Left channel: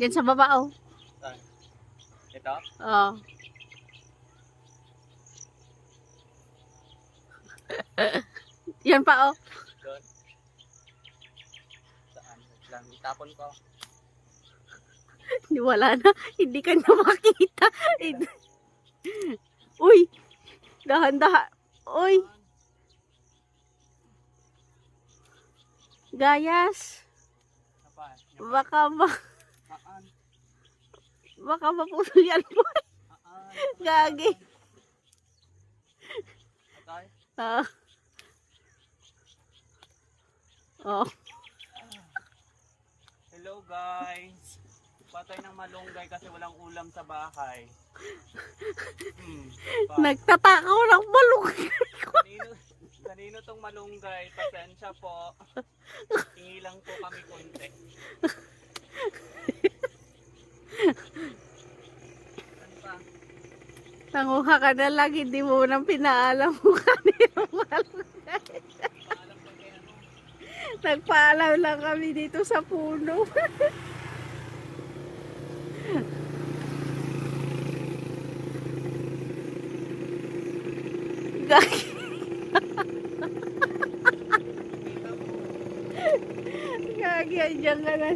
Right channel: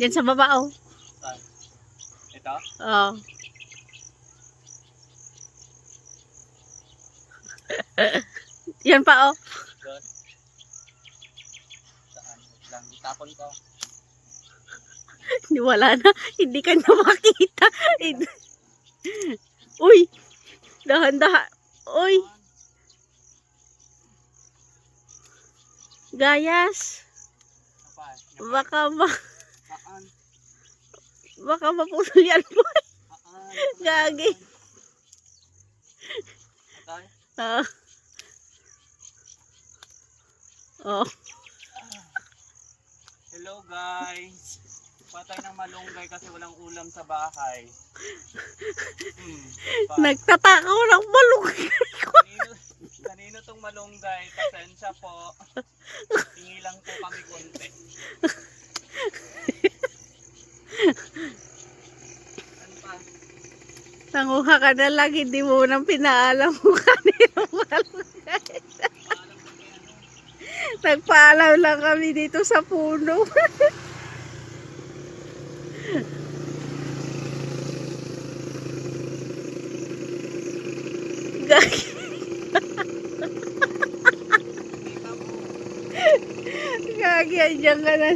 Yan sa baba, oh. Saan? Ito? Oh. Yan pa, oh. Doon? Saan? Lang, itapon ko. Wala na. Hindi ka na makita. Uy. Dahan-dahan. Uy. Gayas. Saan? Saan? Baka mapulol yan, boy. Saan? Gagi. Saan? Ah. Oh. Hello guys. Patay ng malunggay kasi walang ulam sa bahay. Nagtatakaw ng malunggay. Kanino tong malunggay? Pasensya po. Hingi lang po kami konti. Ano pa? Nanguha ka na lang, hindi mo nang pinaalam mo kanino malunggay. Nagpaalam lang kami dito sa puno. Gagi. Gagi, andyan ka na.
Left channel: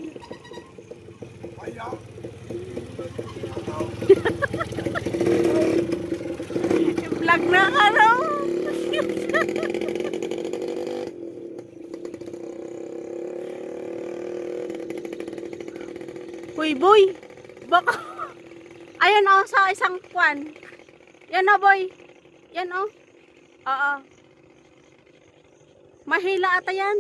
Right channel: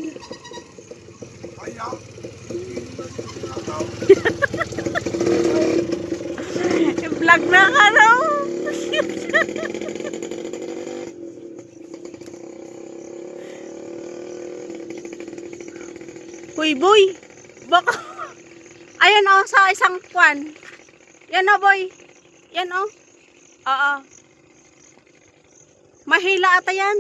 Vlog na ka na. Uy, boy. Baka. Ayan, oh, sa isang kwan. Yan, oh, boy. Yan, oh. Oo. Mahila ata yan.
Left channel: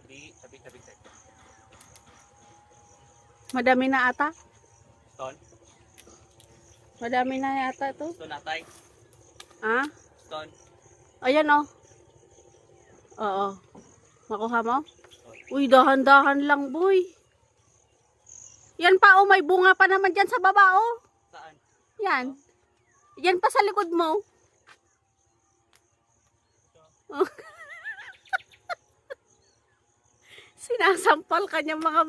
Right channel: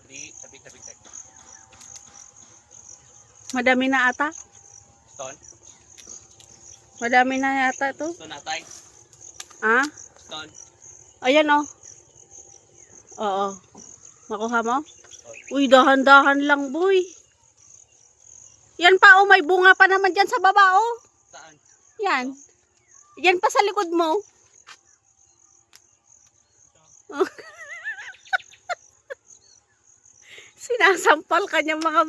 Tabi. Madami na ata. Stone? Madami na ata ito. Stone atay? Ah? Stone? Ayan, oh. Oo. Makuha mo? Uy, dahan-dahan lang, boy. Yan pa, oh. May bunga pa naman dyan sa baba, oh. Saan? Yan. Yan pa sa likod mo. Sinasampal ka niya mga